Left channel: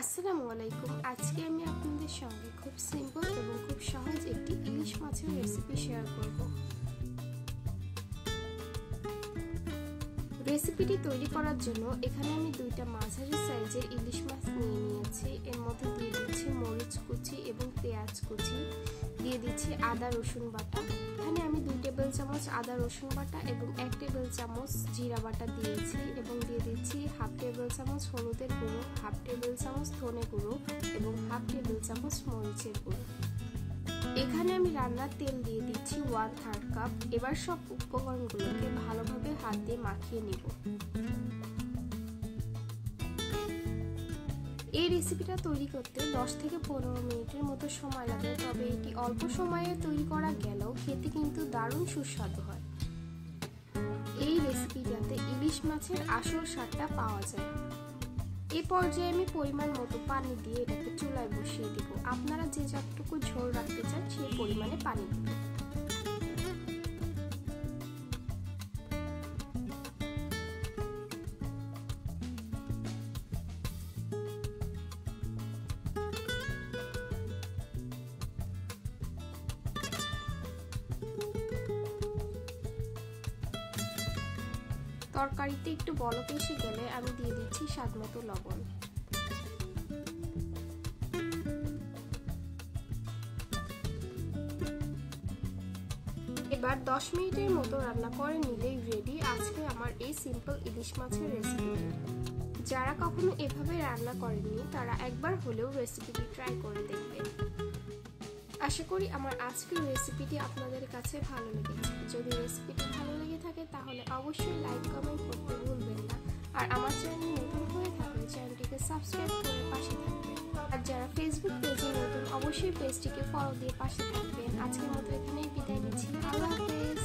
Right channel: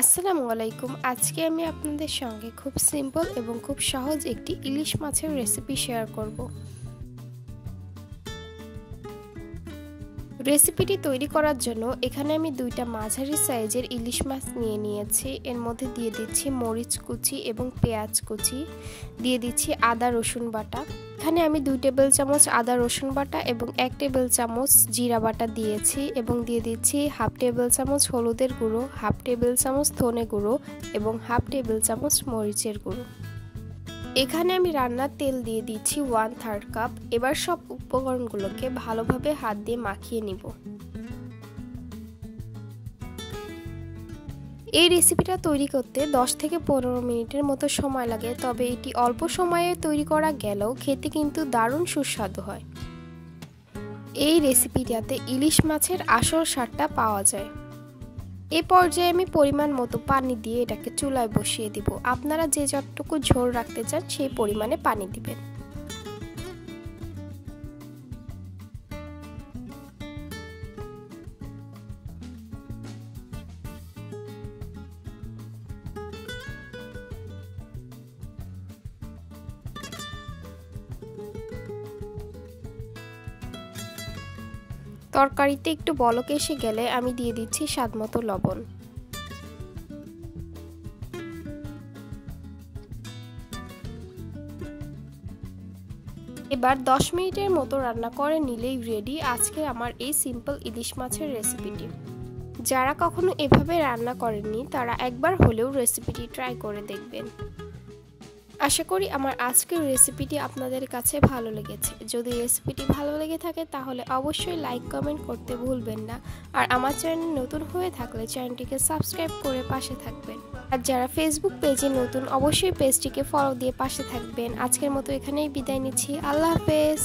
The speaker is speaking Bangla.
আসসালামু আলাইকুম। আজকে আমি আপনাদের সঙ্গে খুব সিম্পল এবং খুব সহজ একটি ইলিশ মাছের রেসিপি শেয়ার করব। রেসিপিটি তৈরি করার জন্য এখানে আমি দুইটা মাঝারি সাইজের ইলিশ মাছ নিয়েছি। এর মধ্যে দিয়ে দিচ্ছি মরিচ কুচি এবং পেঁয়াজ কুচি, দিয়ে দিচ্ছি আদা রসুন বাটা। এখানে আমি 2 টেবিল চামচ আদা রসুন বাটা এবং 1 টেবিল চামচ জিরা বাটা দিয়েছি এবং দিয়ে দিচ্ছি হাফ টেবিল চামচ হলুদের গুঁড়ো, হাফ টেবিল চামচ ধনে গুঁড়ো এবং হাফ টেবিল চামচ মরিচের গুঁড়ো। এখানে আমি রান্নার তেল দিয়ে দিচ্ছি 1/3 কাপ। এবার সব উপকরণগুলোকে ভালোভাবে হাত দিয়ে মাখিয়ে নিব। এই রেসিপিটা তৈরি করতে 10 থেকে 15 মিনিটের মতো সময় লাগে, তবে এটি অল্প সময়ে তৈরি করা গেলেও খেতে কিন্তু দারুণ সুস্বাদু হয়। এই রেসিপিটাতে ইলিশ মাছের আসল স্বাদটা পাওয়া যায়। এই পর্যায়ে আমি পরিমাণ মতো পানি দিয়ে এটাকে চুলায় বসিয়ে দিব। আপনারা যে যতটুকু ঝোল রাখতে চান সেই পরিমাণে পানি দিবেন। তরকারিতে একটু বলক এসে গেলে আমি দিয়ে দিচ্ছি স্বাদমতো লবণ। এবার 10 মিনিটের মতো রান্না করে নিলেই রেডি আজকে আমার এই সিম্পল ইলিশ মাছের রেসিপিটি। যারা কখনো এভাবে রান্না করেননি তারা একবার হলেও রেসিপিটি ট্রাই করে দেখবেন। আশা করি আমার আজকের রেসিপিটি আপনাদের কাছে ভালো লেগেছে। যদি রেসিপিটি ভালো লেগে থাকে তাহলে অবশ্যই লাইক কমেন্ট করতে ভুলবেন না। আর আমার চ্যানেল নতুন হয়ে থাকলে চ্যানেলটিকে সাবস্ক্রাইব করে পাশে থাকবেন। আর যারা ফেসবুক পেজে নতুন অবশ্যই পেজটিকে ফলো দিয়ে পাশে থাকবেন। আজকের মতো এখানেই বিদায় নিচ্ছি। আল্লাহ হাফেজ।